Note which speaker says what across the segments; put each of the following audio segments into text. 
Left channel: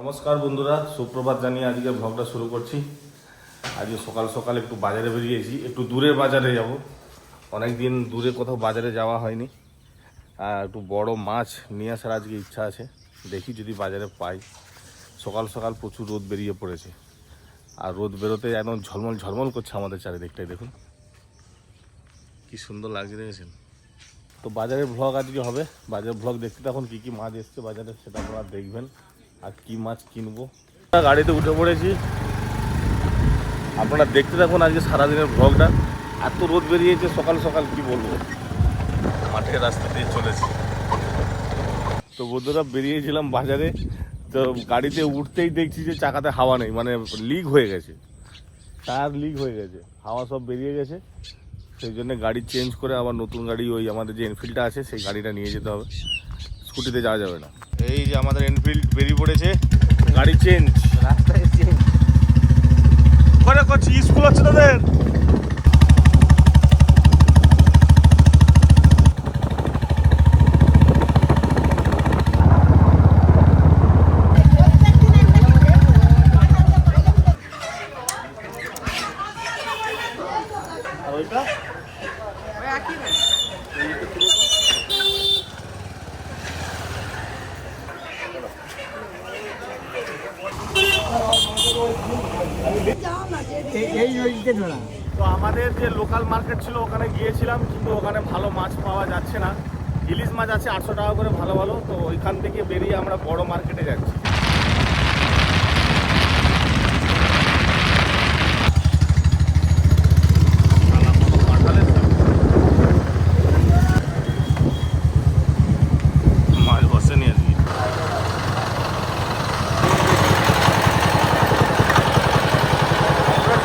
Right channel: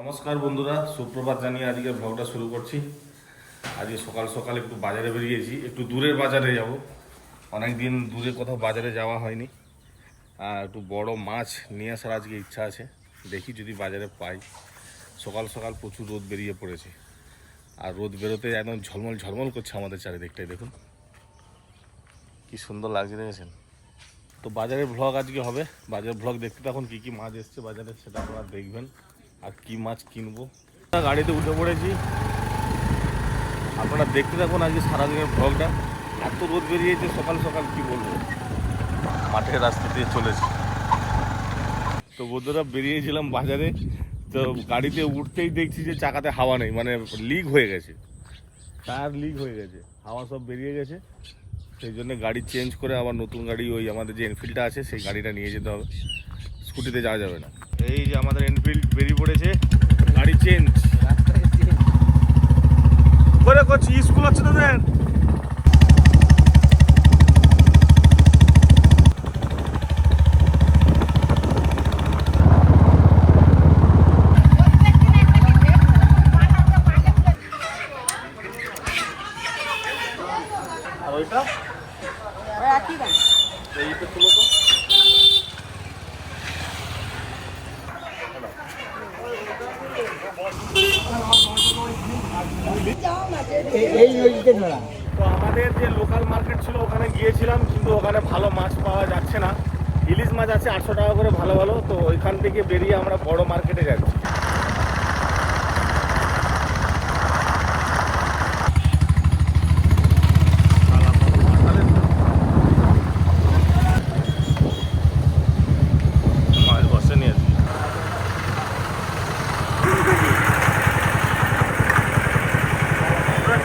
Speaker 1: নমস্কার বন্ধুরা, সুপ্রভাত জানিয়ে আজকে ভ্লগটা শুরু করছি। আজকে সকাল সকাল একটু বাজারে বেরিয়েছি, একটু দূরের বাজারে যাব। অনেক দিন দূরে কোথাও বাজারে যাওয়া হয়নি। আর একটু বড় মাছ নিয়ে আসার আজকে ইচ্ছা আছে। দেখি যদি বাজারে পাই। সকাল সকাল প্রচুর রোদ বেরিয়ে পড়েছে। আর রোদ বেরোতে একদম ঝলমল ঝলমল করছে আমাদের চারিদিকটাই, দেখুন। কি সুন্দর লাগছে, দেখেছেন? তো বাজারের ভ্লগ আজকে হবে। বাজারের ভ্লগ দেখতে তখন কি কি মাছ এসছে বাজারে সেটা আপনারা দেখবেন। আর কি মাছ কিনবো? গাড়িতে উঠে পড়েছি। আপনারা দেখতে থাকুন আজকে সারাদিনের ভ্লগটা এত রোদ বেরিয়েছে সকাল সকাল কি বলব? মাঠের রাস্তা দিয়ে চলেছি। তো বন্ধুরা বেরিয়েছিলাম বাজারে। তো গাড়িতে উঠতেই দেখছি যে চাকাতে হাওয়া নেই মানে লিক হয়ে গেছে। টায়ার লিক হয়ে গেছে হাওয়া সব বেরিয়ে গেছে। সেই জন্য গাড়ি চেঞ্জ করে আবার নতুন গাড়ি ওই আমাদের যে এনফিল্ডটা আছে সেই গাড়িটা নিয়ে যেতে হবে। স্কুটিতে যাওয়া যাবে না। এই যে আমাদের এনফিল্ড বেরিয়ে পড়েছে। গাড়ি চেঞ্জ করে করছি স্কুল হচ্ছে তোদের আর ওইটা এইটা তুলো তো
Speaker 2: এই নদীতে ধরা
Speaker 1: তো আমাদের যে লোকাল মার্কেট ছিল, ওখানে গিয়েছিলাম, কিন্তু ওখানে ভালো মাছ পাওয়া যাচ্ছে না। ইলিশ মাছ আছে আটশো টাকা করে ভালো ভালো, তো ওইখান থেকে বেরিয়ে আমরা বড় মার্কেটে যাচ্ছি শালা কত কাঁঠালের দাম। মাছ বসেনি আজকে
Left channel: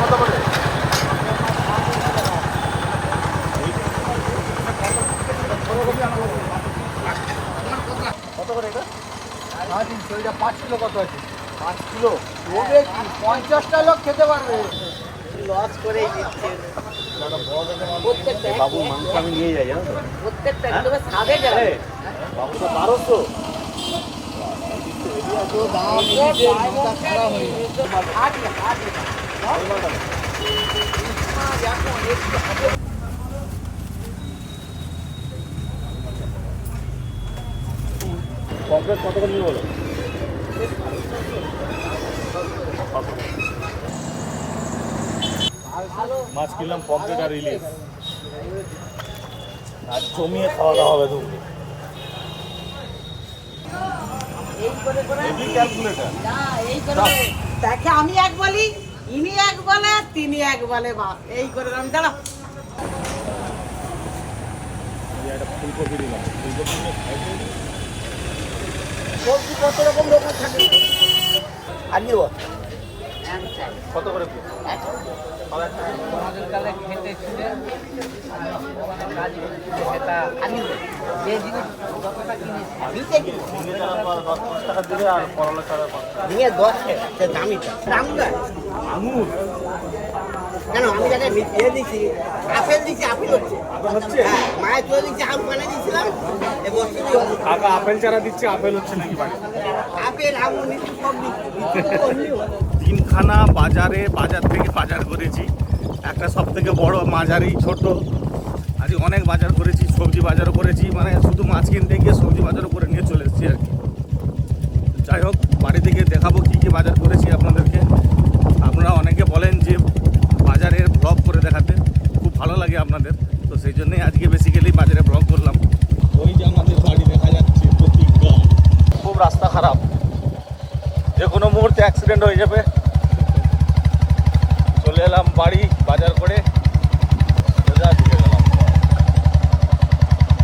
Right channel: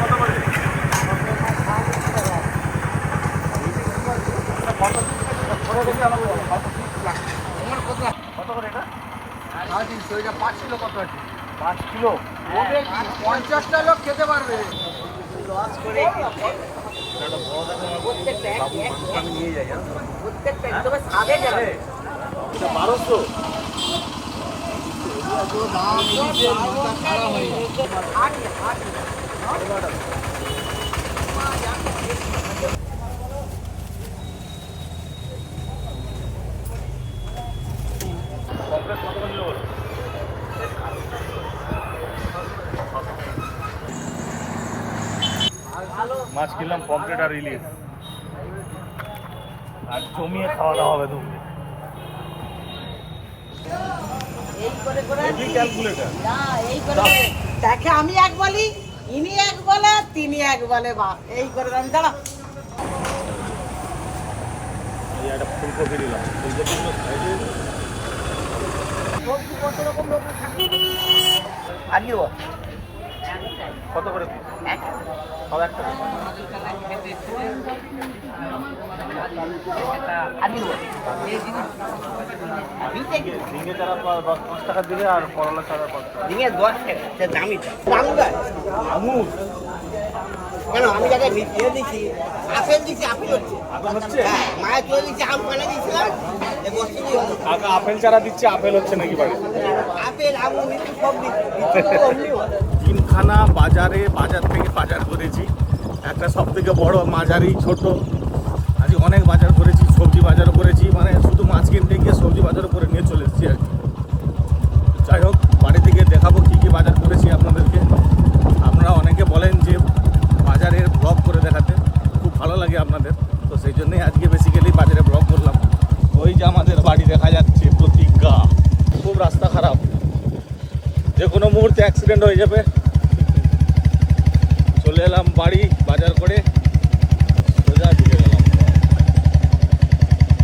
Speaker 1: কত করে
Speaker 2: পাঁচ কিলো কত কিলো পঞ্চাশটা লোক খেতে পারবে লস করে
Speaker 1: একটা বড় দেখে মাছ
Speaker 3: প্রত্যেকটা এক
Speaker 1: বাবু
Speaker 3: এক
Speaker 1: মাংস আমি নিয়ে যাই জানো তো?
Speaker 3: প্রত্যেকটা একদম সাদে যাবে
Speaker 1: এটা বারোশো কত মাছ কিনলাম পকেট আর ইলিশ। আর জমিয়ে খাওয়া দাওয়া হবে তুমি
Speaker 3: এই করে করে
Speaker 1: হেভি ক্যালকুলেটার
Speaker 3: না এই করে দেখে আমি এক বলি ইনি এক বলে তিনি এক বলে বা এই করে আমি দাঁড়া।
Speaker 1: ফুলকপি দিলাম ফুলকপি
Speaker 2: আর কি
Speaker 1: কত করে সব একটা। ঝিঙে পা- দশ পাঁচ টাকা দিলে আর করলা চারা পাঁচ টাকা।
Speaker 2: দিনে দশ দামিটা। গাছ
Speaker 1: আঙুর
Speaker 2: কেন? আমি যাকে ইয়ে দিচ্ছি আপেল দিচ্ছি আপেল হচ্ছে।
Speaker 1: আপেল
Speaker 2: হ্যাঁ মায়ের চলে দিচ্ছি আম পানে।
Speaker 1: কাকা আপেল চারা দিচ্ছে আপেল হচ্ছে নাকি
Speaker 2: আপেল আঙুর সব।
Speaker 1: তিনখানা বাজারে বাজার থেকে বাজার করেছি। একটা সব থেকে বড় মাঝারি ছোট। আজ অনেক বাজার করেছি সবজি বাজারও করেছি মানে শুধু মাছ কিনতে গিয়ে সবজি বাজারও করে নিয়ে চলে এসেছি আর কি। যাই হোক বাড়ি থেকে দেখাবো কি কি বাজার করেছি আপনাদেরকে। আপনারা অনেকে বলেন যে বাজারের ব্লগ করে দেখাতে। খুব ভালো লাগে আপনাদের। তো সেই জন্যই আজকে বেসিক্যালি বাজারে ব্লগ করলাম। ওই যে আমাদের বাড়ি দেখা যাচ্ছে, প্রতিজ্ঞা। খুব রাস্তা খারাপ। যে কোনো মুহূর্তে অ্যাক্সিডেন্ট হয়ে যাবে। চলে এলাম বাড়ি, বাজার করে।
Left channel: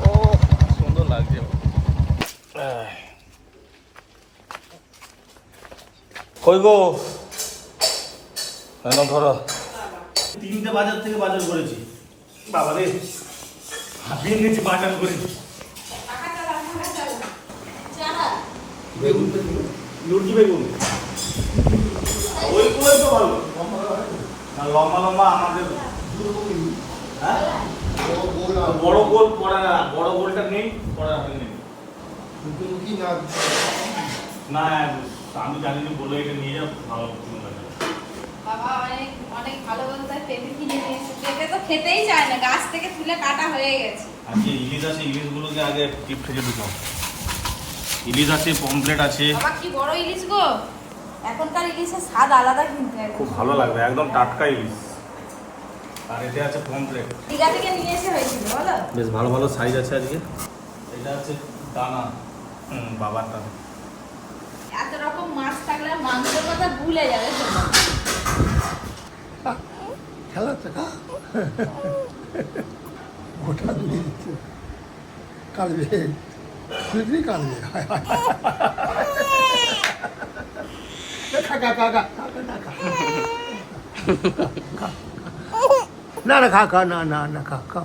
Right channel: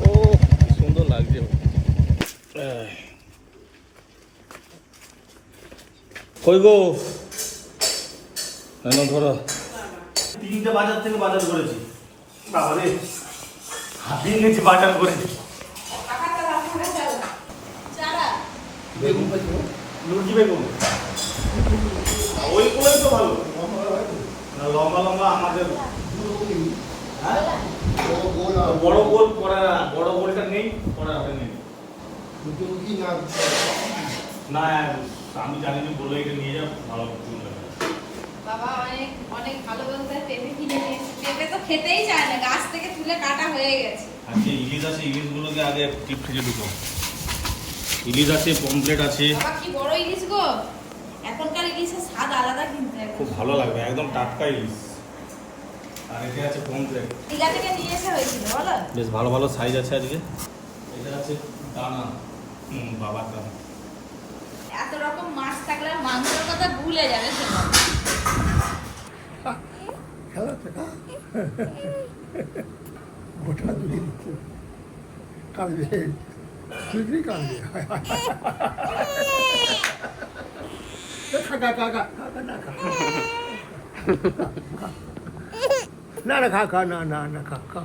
Speaker 1: ও সুন্দর লাগছে। ধরো। তিনটে বাজার থেকে বাজার করেছি। বাবা রে হাতিয়ে নিয়েছি বাজার করে। বেগুন লুচি তো ভালো। না লম্বা লম্বা আমাদের। হ্যাঁ? বড় গোল করা বড় গোলটা নেই করা নেই।
Speaker 2: দুটো কি না?
Speaker 1: না আমি জানিনি বলে এটা নিয়ে যাব ভালো
Speaker 4: বাবা অনেক অনেক ভালো ভালো তাই পেঁপে কিনে নিয়ে এসেছে। পেঁপে তো খেতেই চায় না গাছ থেকে তুলে কাটা হয়ে গেছে।
Speaker 1: আজকে ইলিশ আছে ইলিশগুলোকে আগে টিপ ফেলে দিতাম ইলিশ আছে পমপ্লেট আছে।
Speaker 4: বাবা কি বড় ইলিশ গো! এখনকার ইলিশের স্বাদ আলাদা কিন্তু।
Speaker 1: খুব ভালো লাগবে একদম টাটকা ইলিশ। আর এতে আছে পমপ্লেট
Speaker 4: দীঘা থেকে নিয়ে এসে হয়েছিল বলো?
Speaker 1: বেশ ভালো ভালো সাইজ আছে আজকে। এটা আছে দানা। হুম বাবার দানা।
Speaker 4: এত রকম মাছ থাকলে মাংসের কথা ভুলে যাবে সবাই
Speaker 2: খেলাতে না গোটা দুটো কাঁদবে দুদিনই কাঁদবে কাকা কাকা কাকা না না না কাকা না না না কাকা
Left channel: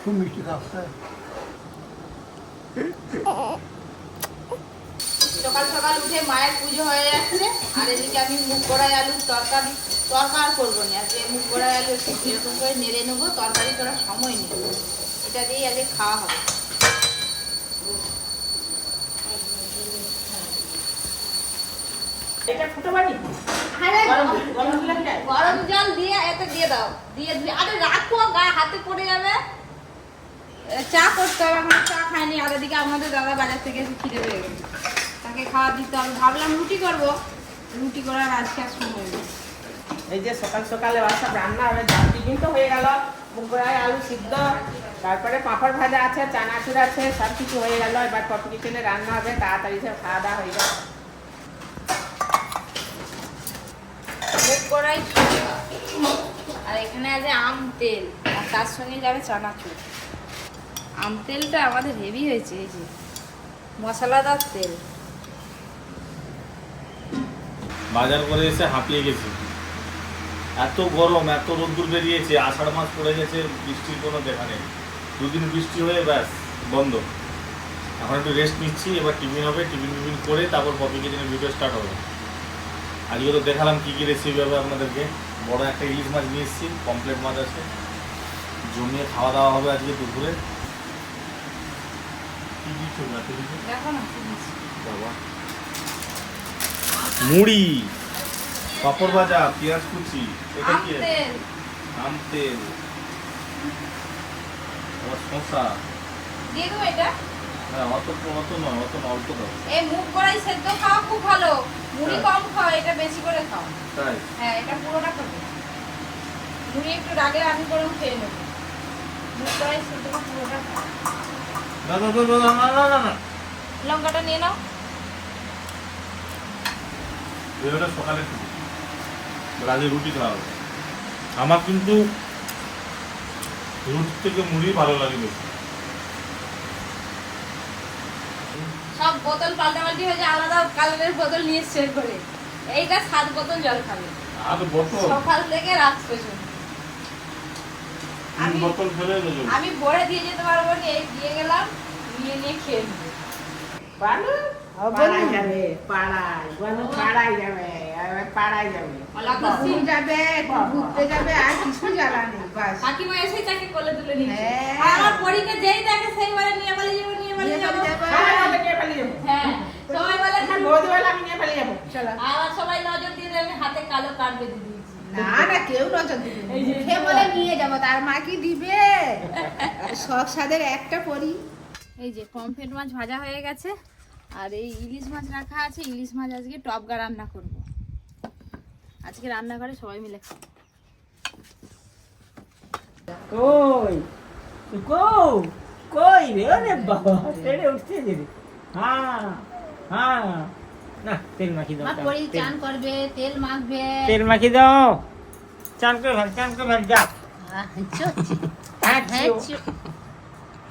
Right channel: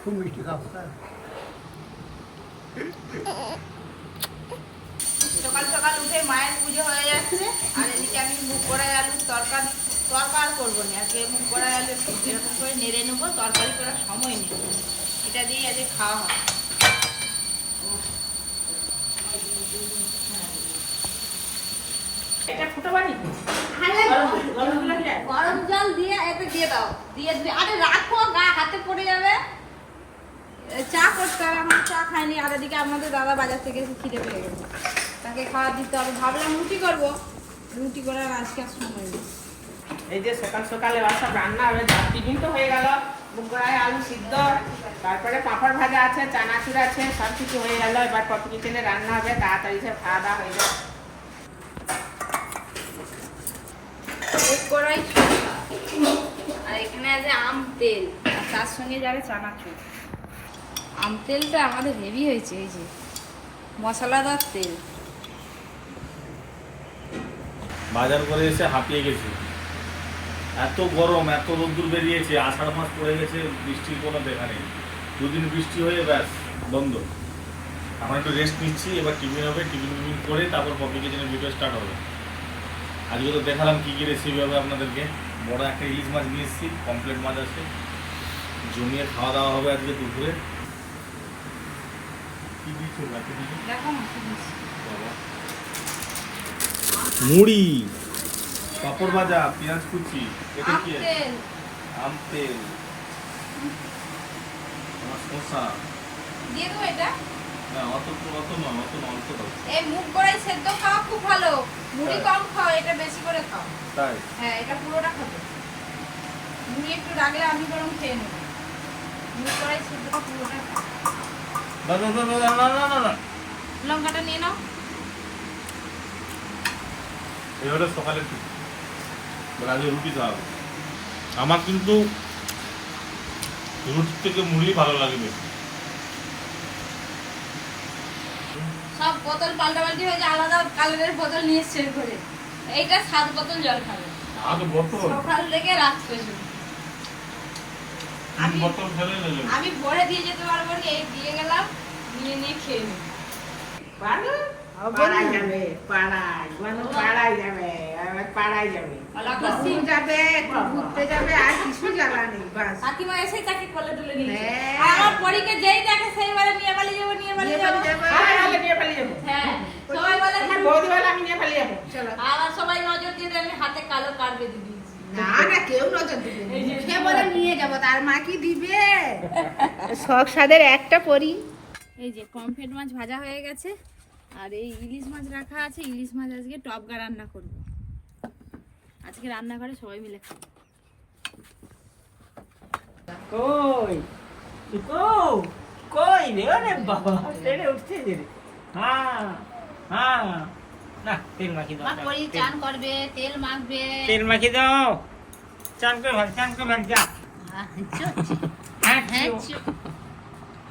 Speaker 2: খুব মিষ্টি কাকা
Speaker 4: সকাল সকাল উঠে মায়ের পুজো হয়ে যাচ্ছে। আর এদিকে আমি মুখ কড়াই আলুর তরকারি তরকার করব না। আজকে মুখ কড়াই আলু এরকম করে নেড়ে নেব তরকারি করার সময় নেই। এটা দিয়ে আজকে খাওয়া হবে। এটা ফুটো বাড়ি? গরম জল দিয়ে? এতে দিয়ে দাও দিয়ে দিয়ে আরে রাখো গা হাতে পড়ে যাবে। চা করতে হবে আমি চা খাইনি। আর এদিকে আমাদের দাদা বাজার থেকে এসে খিদে পেয়ে গেছে। তাকে খাওয়া দিতে হবে। ভাবলাম রুটি করব। রুটি করার আজকে আর সময় নেই।
Speaker 5: এই যে সকাল সকালে সব রান্না হবে ডাল টিফিন তো হয়ে গেল মুগ কড়াই আলু সিদ্ধ তারপরে পাঁপড় ভাজা আছে চানাচুর আছে সব কিছু হয়ে গেল। এবার পপি কিচেনে রান্না হবে তাড়াতাড়ি সব খাওয়া দাওয়া হয়ে যাবে
Speaker 4: কড়াই আর এখানে আছে আম তেল আর তার সঙ্গে যাবে চানাচুর। আম তেলটা আমাদের হেভি হয়েছে এই যে মশলাদার তেল।
Speaker 1: বাজার করে এসে হাঁপিয়ে গেছি। এত গরম, এত রোদ্দুর বেরিয়েছে, আষাঢ় মাস পড়ে গেছে, বৃষ্টির কোনো দেখা নেই। দুদিন বৃষ্টি হয়ে ব্যাস, বন্ধ। এখন একটু রেস্ট নিচ্ছি, এবার টিফিন হবে, টিফিন টিফিন করে তারপর পপি কিচেনের ভিডিও স্টার্ট হবে। আজকে তো দেখালাম কী কী রেসিপি হবে আপনাদেরকে। বড় একটা ইলিশ মাছ নিয়ে এসেছি কমপ্লেট মাছ আছে। জমিয়ে খাওয়া দাওয়া হবে আজকে দুপুরে। কি দিচ্ছ?
Speaker 4: দেখো না।
Speaker 1: মুড়ি পাপড় ভাজা পেঁয়াজ কুচি এটা কি? আম তেল
Speaker 4: এটা?
Speaker 1: হ্যাঁ, অত অল্প
Speaker 4: এই সেদ্ধ খুব ভালো। মুড়ি
Speaker 1: হ্যাঁ।
Speaker 4: কম খাও এটা বেশি করে খাও।
Speaker 1: তাই?
Speaker 4: হ্যাঁ এটা পুরোটা খাও। মুড়ি একটু আমি খেয়ে মুখ সেদ্ধ পুরোটা খাও।
Speaker 1: না।
Speaker 4: লঙ্কাটা নিয়ে নাও।
Speaker 1: এবারে সকালে টুকু আজকে রুটি খাওয়া আমার কিন্তু রুটি থেকে মুড়ি ভালো লাগে বেশি।
Speaker 4: সব বোতল পাল্টাপাল্টি হয়ে আলাদা কালারের বোতল নিয়ে শেয়ার করে এইটা সাত বোতল জল সকাল থেকে রাত পর্যন্ত।
Speaker 1: তিন বোতল ফেলে দিলে।
Speaker 4: আমি বড়ে দিয়ে যেতে পারব না এই দিয়ে গেলাম নিয়ে নিয়ে খেয়ে নেব?
Speaker 5: পাড়ায় যাবে পাড়ায় পাড়ায় যাবে পাড়ায় যাবে
Speaker 4: মালাকসি
Speaker 3: যাবে ঘুরতে যাবে আর কিছু জানা নেই বাস
Speaker 4: কাকিমা এসে তাকে কোলে তুলে নিয়েছে। আর আমার পরীকে যেই দেখে সেইবারে নিয়ে পালিয়ে যাব নিয়ে পালিয়ে যাব
Speaker 5: নিয়ে পালিয়ে যাব
Speaker 4: হ্যাঁ সবাই বলে
Speaker 5: বৌদি বলে আমি নিয়ে পালিয়ে যাব
Speaker 4: আবার সবাই নজর দিয়ে আমি হাতে কালো কার্ড বেঁধে দিয়েছি
Speaker 3: না না কেউ নজর দিবে বলে নিয়ে যাব তার মা কি দিবে শখ সাদের একটা পরি।
Speaker 4: এই যে পমফ্রেট মাছ ভাজা হয়ে গেছে। আর এই ইলিশ মাছ রাখা আছে ইলিশ মাছ আজকে টপগা রান্না করব। আজকে রান্নাঘরে সবাই মিলে খাব।
Speaker 5: কই? কই? কই রে? আরে বাবা তেরে উঠতে দে রে। হ্যাঁ হ্যাঁ। না তেল মাখি দাও
Speaker 4: পরি চান করবে তেল মাখবে।
Speaker 5: তেল মাখি দাও। চান করে ভাত চান করে ভাত যা। হ্যাঁ।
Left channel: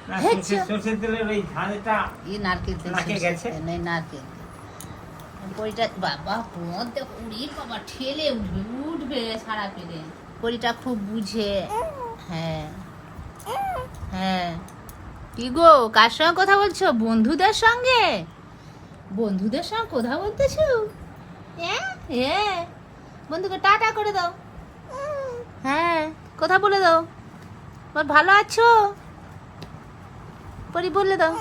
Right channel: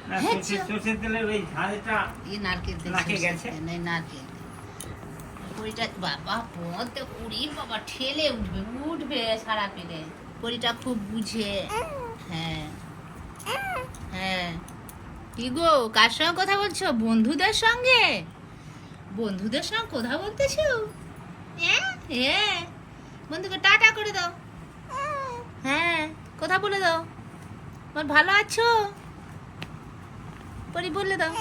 Speaker 3: বাবা বাবা ঠেলে উঠবে
Speaker 4: উঠবে সারা পেলে
Speaker 3: পরিটা খুব বুঝে। হ্যাঁ। হ্যাঁ। কি গো কার সঙ্গে কথা বলছো? বন্ধুদের সঙ্গে? বন্ধুদের সঙ্গে কথা বলতেছো? হ্যাঁ? হ্যাঁ। বন্ধুকে টাটা করে দাও। হ্যাঁ কথা বলে দাও। ভালো আছো? পরি বলে দাও।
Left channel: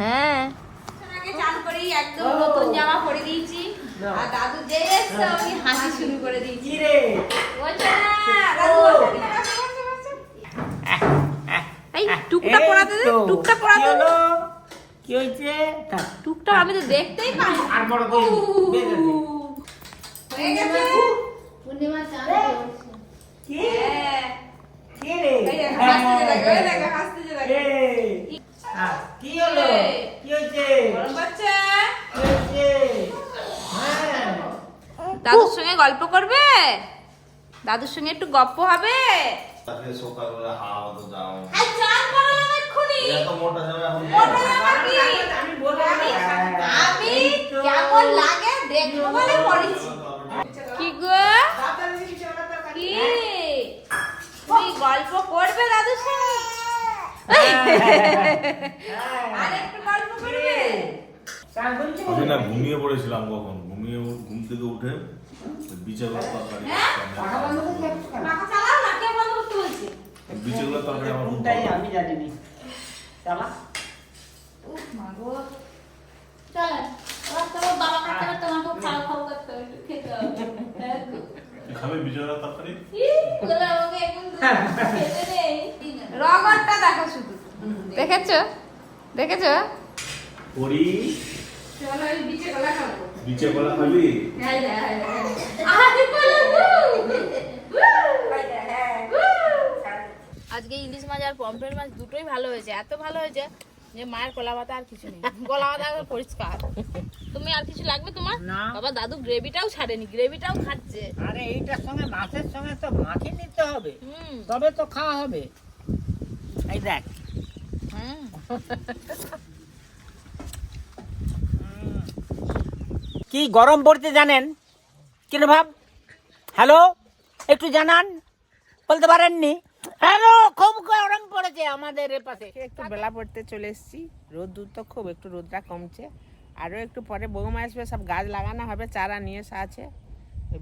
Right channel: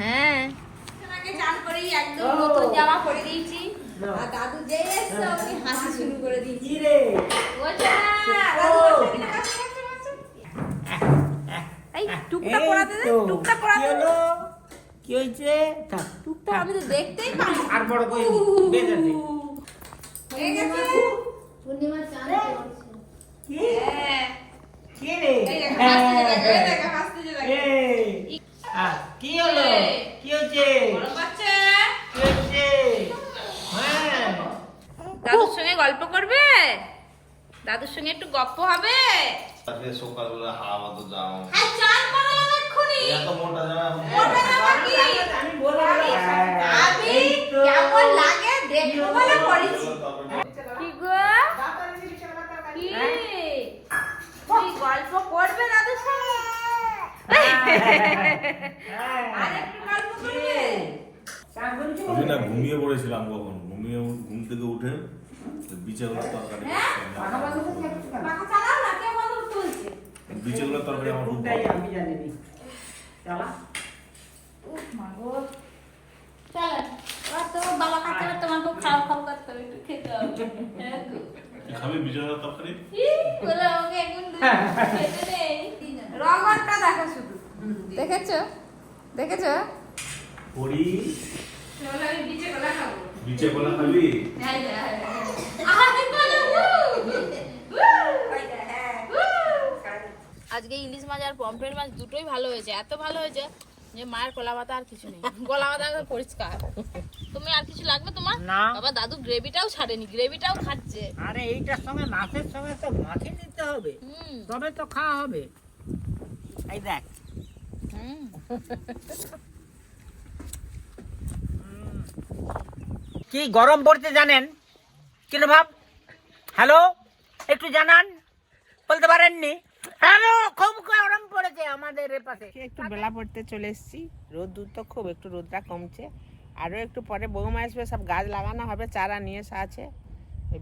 Speaker 3: হ্যাঁ।
Speaker 4: আগে চান করি একদম নতুন জামা পরে দিয়েছি। আর দাদু যে এসছে আমি হাসি শুরু করে দিয়েছি। দে
Speaker 5: কি
Speaker 4: টুকটা আমি তো দেখতেই পাই
Speaker 5: আর বড় করে বের করে দে।
Speaker 4: হয়ে গেছে?
Speaker 3: পূর্ণিমা চান
Speaker 5: কি?
Speaker 4: হ্যাঁ।
Speaker 5: কি রে?
Speaker 4: এই দেখো হাসতে দেখো এই দেখো হাসতে দেখো
Speaker 5: এই। আহ, কি হলো? কি হয়েছে কি হয়েছে হ্যাঁ।
Speaker 4: দাদুর সঙ্গে গল্প করবে? দাদুর সঙ্গে একটু গপ্প হবে?
Speaker 1: তাকে সকালবেলা হাওয়া তো যাও।
Speaker 4: আর চান করলাম এক্ষুনি।
Speaker 1: এত মোটা জামা এখন
Speaker 4: মোটা জামা কি?
Speaker 5: আমি বলব
Speaker 4: আমি কেমন লাগে? দেখব বলে পড়েছি কি গো কি তুমি গল্প করবে দাদুর সঙ্গে আর একটু গল্প করবে
Speaker 1: আমি না ঘুমিয়ে পড়েছিলাম কখন? ঘুমিয়ে ঘুম থেকে উঠে বিচেগুলোর তরকারি
Speaker 4: বলছে।
Speaker 1: বিচেগুলোর তরকারি আমার খুব ভালো
Speaker 5: আমি
Speaker 4: গো। চলো এবার তোমার বাবা দেখেছ? দেখেছ?
Speaker 1: পরি?
Speaker 4: চলো আমি বিচে গলা খাব।
Speaker 1: বিচে কলা খাবি?
Speaker 4: হ্যাঁ হ্যাঁ হ্যাঁ আরে বলো
Speaker 3: আজকে ইলিশ মাছ আর পমফ্রেট মাছ দুটোই ভালো হয়েছে। এত ভালো হয়েছে যে মায়ের কলা পাতা আর কিছু নেই। কলা পাতা একদম পরিষ্কার। তুমি আর কিছু লাগবে তোমার?
Speaker 2: না।
Speaker 3: বাবা দাদু গ্রেভিটাও ছাড়েনি গ্রেভিটাও খাচ্ছে।
Speaker 2: আরে এইটার সঙ্গে মাছের সঙ্গে তো মাখিয়ে নিতে হবে।
Speaker 3: হুম।
Speaker 2: তবে তো খাওয়া হবে। এই দেখ কি গরম পড়ছে জানেন? কিরে ভাব? হ্যালো? একটু জানান। বলতে পারেননি? খুব গরম পড়েছে আমাদের
Speaker 5: একটু বেলা পড়তে চলে এসেছি। তো খুব, একটু রোদটা কমছে। আরও একটু পরে বৌমা আসবে, সব গাছ লাগানো হবে, চারা নিয়ে এসে আছে।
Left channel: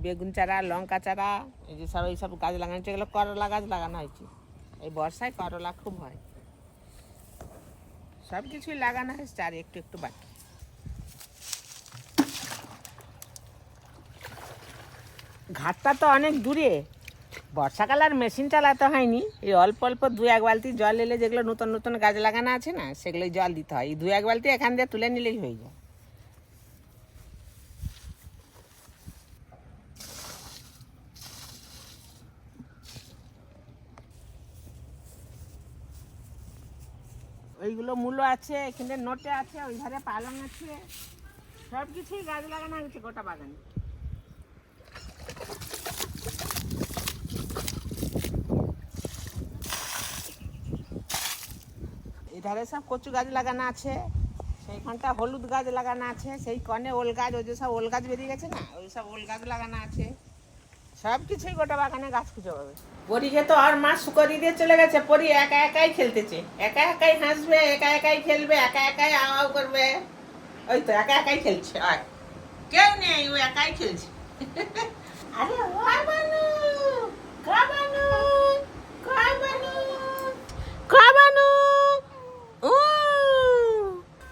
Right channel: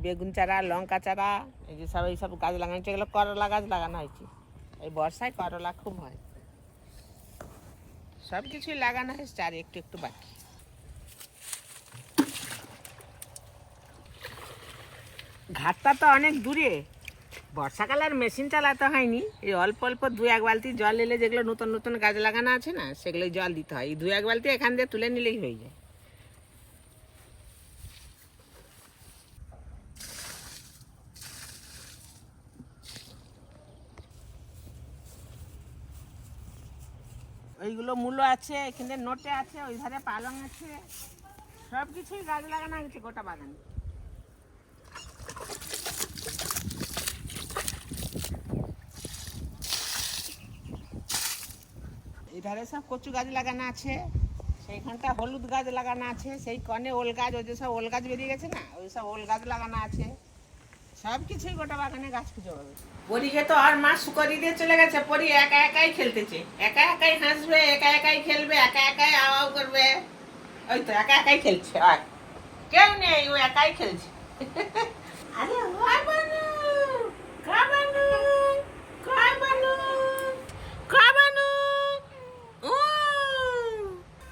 Speaker 5: বেগুন চারা, লঙ্কা চারা, এই যে সব গাছ লাগানো এগুলো করলা গাছ লাগানো হয়েছে। এই বর্ষায় করলা খুব হয়। সব কিছুই লাগানো হয়েছে, আর একটু একটু বাকি। ঘাটটা তো অনেক দূরে। বর্ষাকাল আর মেশিন চালাতে হয়নি। এই অল্প অল্প দু এক বালতি জল এলে যেগুলো নতুন নতুন গাছ লাগানো আছে না সেগুলো জল দিতে হয়। এই দু এক বালতি এখান দিয়ে তুলে নিলেই হয়ে যায়। ওইগুলো মূলো আছে, এখানে নোটে আছে ওই ধারে পালং আছে। সব কিছুই গাছ লাগানো হয়েছে গোটা বাগানে। এধারে সব কচু গাছ লাগানো আছে সেইখানটা হলুদ গাছ লাগানো আছে, সেই কনে ওল গাছ, ওই যে সব ওল গাছ বেরিয়ে গেছে না, ওই সব ওল গাছ লাগানো আছে। সব কিছুই গোটা বাগানে গাছ খুঁজে পাবে পরীকে তো আর মা সুকরি দিয়ে চলে গেছে পরি একা একাই খেলতেছে। একা একাই হাসবে একা একাই খেলবে একা একাই আওয়াও করবে। ওই তো একা একাই খেলছে আর কেউ নেই ও একাই খেলছে। আরে খাবানু খাবানু খাবানু খাবানু উম।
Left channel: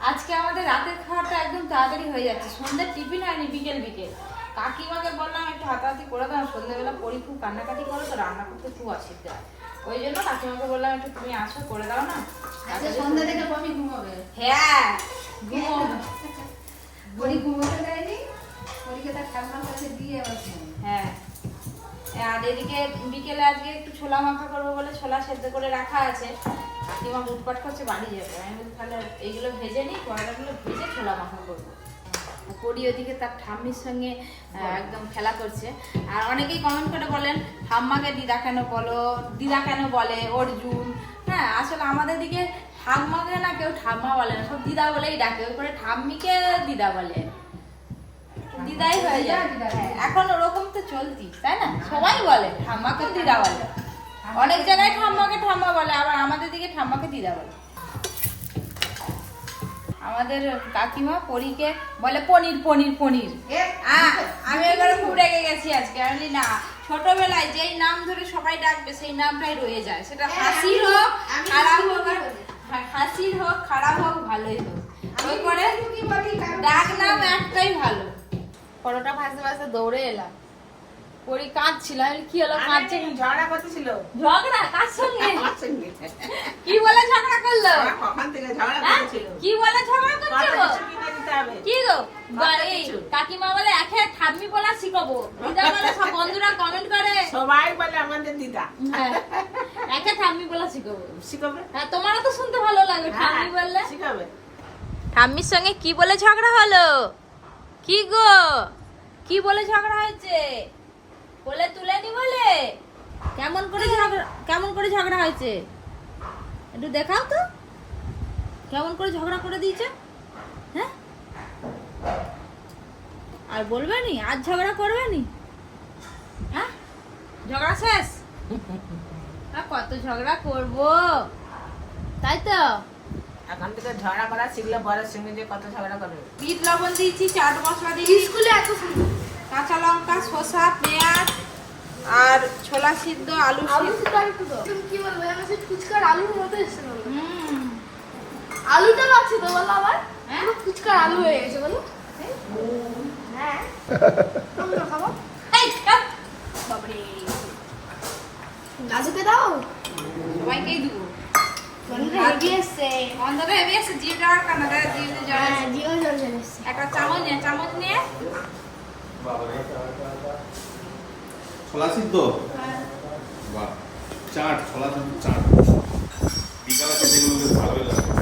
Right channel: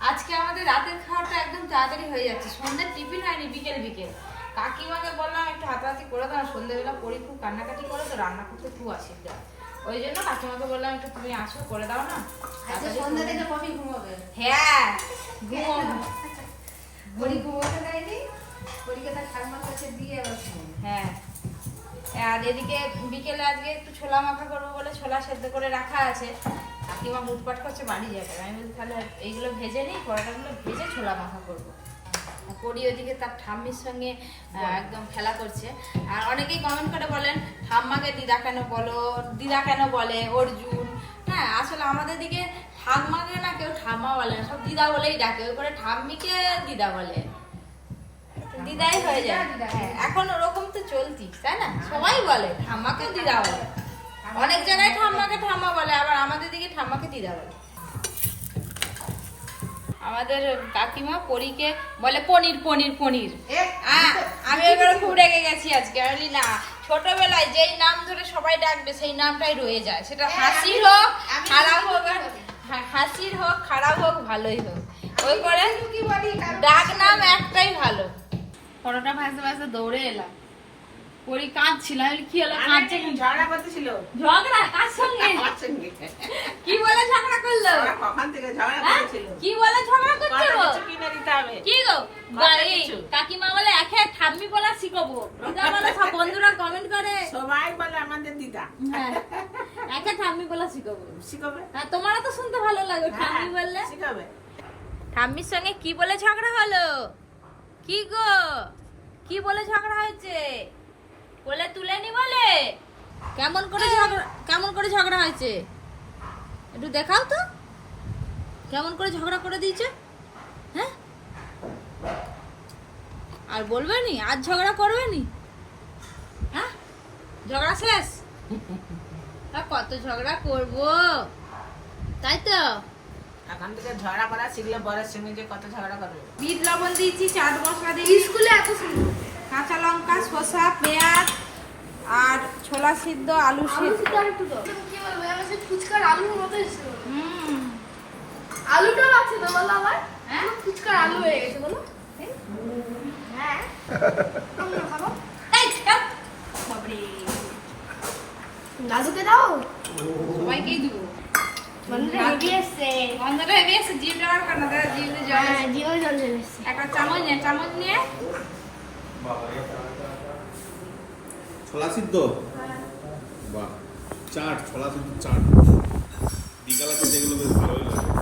Speaker 4: আজকে আমাদের রাতের খাওয়াটা একদম তাড়াতাড়ি হয়ে যাচ্ছে। সন্ধ্যার টিফিন হয়নি বিকেল বিকেল। কাকিমাকে বললাম একটু হাতাহাতি করে দাও সন্ধ্যেবেলা পড়ি খুব কান্নাকাটি করো তো রান্না করতে খুব অসুবিধা হয়। ওই জন্য কাকিমাকে বললাম একটু তুমি আসো করে দাও না? তাড়াতাড়ি
Speaker 3: সন্ধ্যা থেকে কমই ঘুমাবে
Speaker 4: হ্যাঁ ঘুমো
Speaker 3: বড়ি ঘুমোতে দেয়নি? বড়িকে তার ঠাকুমার কাছে দিয়ে
Speaker 4: হ্যাঁ। আর এদিকে বিকেলে আজকে একটু ছোলা মাখা করব বলে ছোলা সেদ্ধ করে রাখা আছে। কাকিমা হুটপাট করছে বাড়ি যাবে। আমি বলি তাহলে এইগুলো ভেজে নিই কড়াটাগুলো ভেজে ছোলা মাখা করব। পরি ওদিকে তার ঠাম্মির সঙ্গে একদম খেলা করছে। আর অনেকেই কমেন্ট করে বলেন ঠাম্মাকে দিদা কেন বলো? দিদা কেন বলে? অর্জুন? হ্যাঁ আসলে আমাদের দিকে ঠাম্মাকে না কেউ ঠাম্মা বলে না সব দিদা বলেই ডাকে। ওই করে ঠাম্মিকে দিদা বলে। দিদাই হয়ে যায়। হ্যাঁ, এখন ওরকম তো চলতি তাই না? সবাই বলে ঠাম্মাকে দিদা বলে। অনেক জায়গায় ঠাম্মাকে ঠাম্মা বলে আবার আমাদের দিকে ঠাম্মাকে দিদা বলে। আমাদের কাকিমা পরীকে বলে পনির পনির পনির। আমি এবারে খুব রেগে গেছি আজকে আমি না ছোটবেলায় যেই নাম ধরে সবাই ডাকবে সেই নামটাই রয়ে যায়। সেটা হাসি হোক খারাপ হোক আর হাসির হোক খারাপ হোক ভালোই হোক। ওই করে ডাক নাম একটাই ভালো। পরোটা ভাজতে ভাজতে দৌড়ে এলাম। কাঁদছিল আমি কি হলো কাঁদছে
Speaker 5: ঝগড়া করতেছিল।
Speaker 4: ঝগড়া? কার সঙ্গে? কি বলে ঝগড়া করল?
Speaker 5: হ্যাঁ, কখন থেকে ঝগড়া
Speaker 4: হ্যাঁ?
Speaker 5: করেছিল।
Speaker 4: কি বলে ঝগড়া
Speaker 5: কত
Speaker 4: করছ
Speaker 5: কিছু কিনে দিতে হবে।
Speaker 4: কি গো? কাকিমা বলে একে ঠাম্মি বলা শিখাবো। দিদা বলে সব বন্ধুরা কমেন্ট করে।
Speaker 5: সবাই বলে আমাদের দিদা।
Speaker 4: হ্যাঁ। একে ঠাম্মি বলা শিখাবো।
Speaker 5: শিখাবে?
Speaker 4: হ্যাঁ তোমারও তো শুনতে ভালো লাগে ঠাম্মি বললে।
Speaker 5: শিখাবে।
Speaker 4: ঠাম্মির সঙ্গে কি বলে ঝগড়া হলো? কি গো? কি বলে ঝগড়া হয়েছে? বলে তুলেনি বলে? কেমন করে ঝগড়া কেমন করে ঝগড়া হয়েছে? একটু দেখাও তো। কেমন করে ঝগড়া করে দিয়েছে? হ্যাঁ? আর বলবে নি? আজ ঝগড়া করবে নি? হ্যাঁ? ঝগড়া শেষ? কত ঝগড়া করব? তাই তো?
Speaker 5: এখন থেকে ঝগড়া করা শিখলে বরের সঙ্গে যে কত ঝগড়া করবে।
Speaker 4: বিট লবণ দিয়েছি চাট মশলা দিয়েছি। স্কুলে এত কাঁচা লঙ্কা শসা পেঁয়াজ আর ছোলা সিদ্ধ আলু সিদ্ধ।
Speaker 6: তো বলো আবার?
Speaker 4: হ্যাঁ?
Speaker 6: ফুচকার আলু হয়ে গেছে বলো। হ্যাঁ। খাব দাও।
Speaker 4: সবাইকেই দিব।
Speaker 6: হ্যাঁ
Speaker 4: একটা চামচ নিয়ে চামচ নিয়ে
Speaker 1: ছোলা সিদ্ধ? বাহ চাট ছোলা সিদ্ধ চাট। বিকালে যেগুলো বেশ ভালোই লাগে।